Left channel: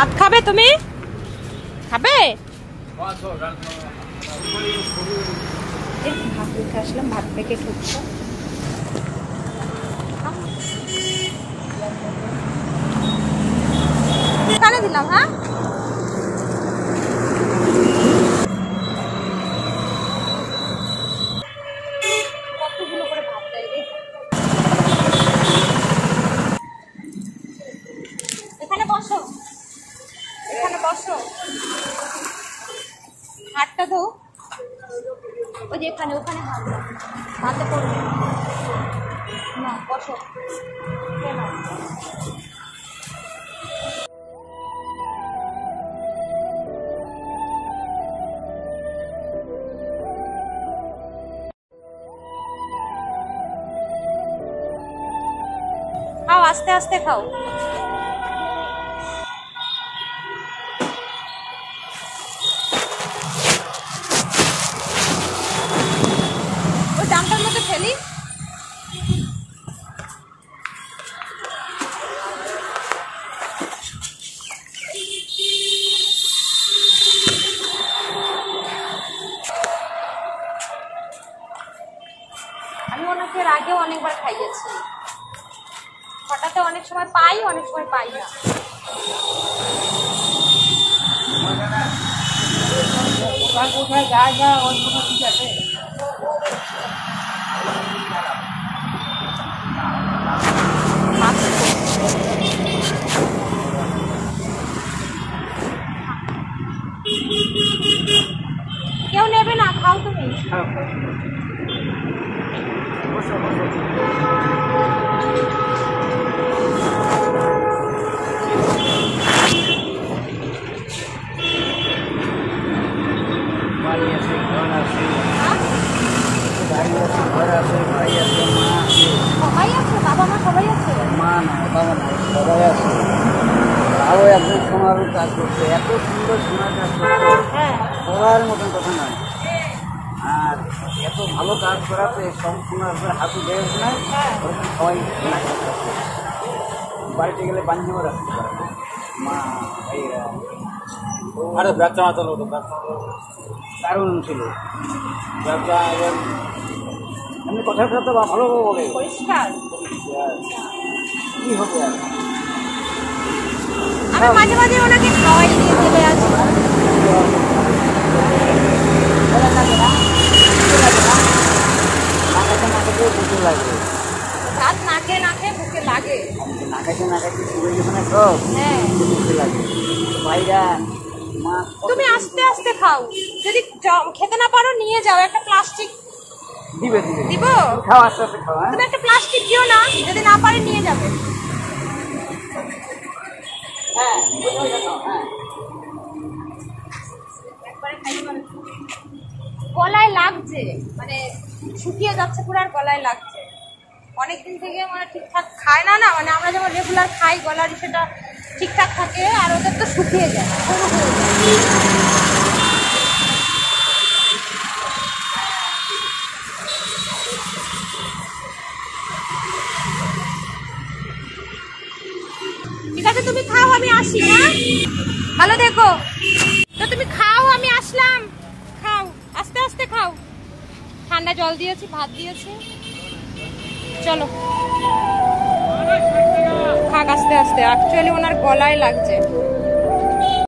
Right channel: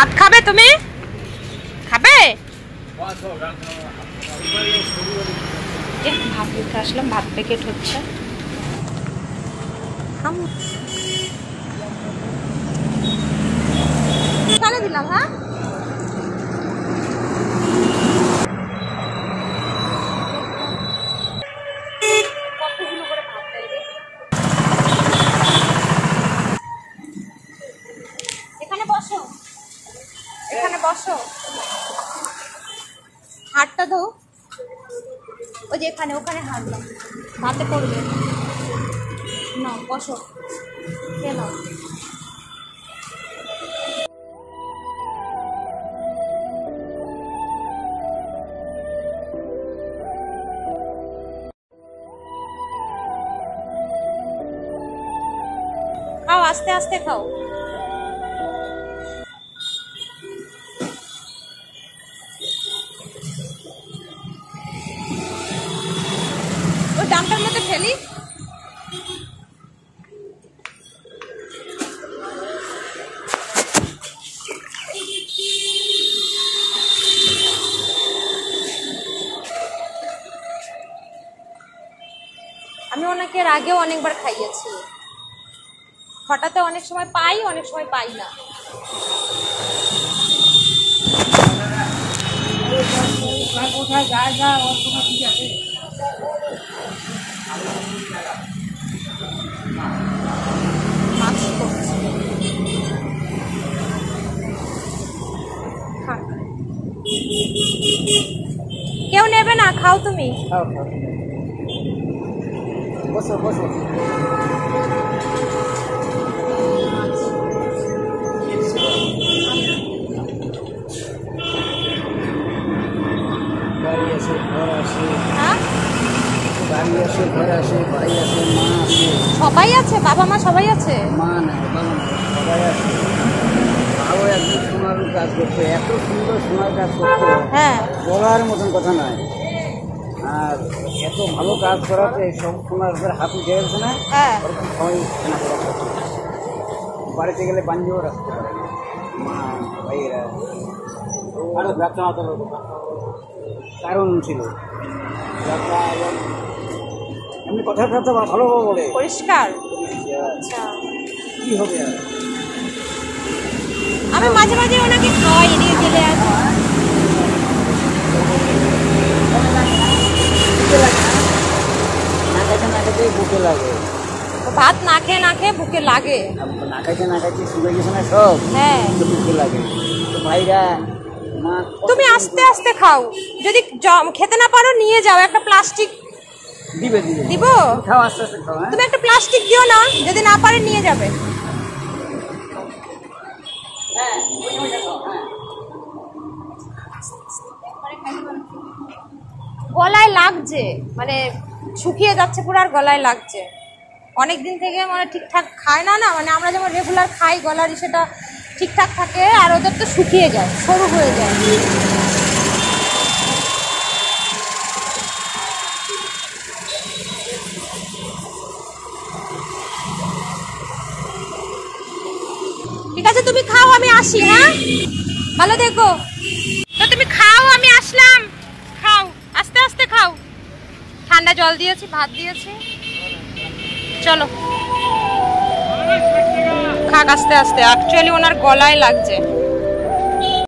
ভাত খাবে তুমি? খাবে? ভাত দিতে আসলাম, ভাত প্যাকেট হচ্ছে। কানে দিলাম। হ্যাঁ, কতগুলো করে ভাত দেয় রে। এখানে বসো, এখানে বসো, হাতটা ধো। ওই যে এখানে, ওখানে হাত দাও, হাতে করবে না। বসো, কেন? খাও, আস্তে আস্তে খাও। ওই ডামটার মধ্যে ফেলি। আমি ওনাকে এর আগেও অনেকবার খাইয়েছি। হঠাৎ অনেক সময় পাই, অনেক সময় পাই না। কোথায় যায় যা ওর কোনো ঠিক আছে। কেউ নেবে না, খাও তুমি। সবাই আছে, বাবা মা সবাই আছে। মা না, বাবা না, সবাই আছে। আরো একজন সোনার কাজ করছে, এত সুন্দর সোনার কাজ করছে। হ্যাঁ, বলার মতন কথা নয়। আর এত ভালো কাজ করাতে সব সোনার উপরে হাত উঠে গেছে না। হ্যাঁ, ওরকম সবাই বাড়িতে গেলে বাঞ্জিও রাখতে পারে না মা ভাইয়েরা। আরে ব্যবসা মাতাল হতো, দারুণ ছিল ব্যবসা। এবং এমনি কথাবার্তা ভালো বলে, পরিষ্কার। কি হবে আর। আমি মাঝে মাঝে ওনাকে খাওয়াই দিয়ে চলে আসি। বুকে লাগে, ভাত না খেয়ে না খেয়ে বুকে লাগে। না খাইতে না খাইতে শুয়ে গেছে না সব। হ্যাঁ, বুকে লাগে। ভাইরা মা, তুমি আস্তে আস্তে খাও। যদি খেতে না পারো নিয়ে যাও, একটা প্লাস্টিক দিবে দিবে দিব। খাও, আস্তে আস্তে খাও। তুমি একটা প্লাস্টিক দিও না, যদি না পারে নিয়ে যাবে। গলায় লাগছে, মানে শুকিয়ে যাচ্ছে পুরো, আর গলায় লাগছে। অনেকদিন থেকে মানে ঠিকঠাক খায় না, মানে আমরা যেমন রেগুলার খাই গলার সেটা ঠিকঠাক থাকে, আর ওদের তো শুকিয়ে যায়, সরু হয়ে যায়। ঠিক আছে, তুমি খাও, আমি আসি। হ্যাঁ, ভালো দেখো তো। তুমি খাও, আমি আসলাম। খাও, আস্তে আস্তে খাও। ঠান্ডা জল দিয়েছি, ভাত দিয়েছি। চলো খাক আস্তে আস্তে। অ্যাকচুয়ালি ওনার গলায় লাগছে।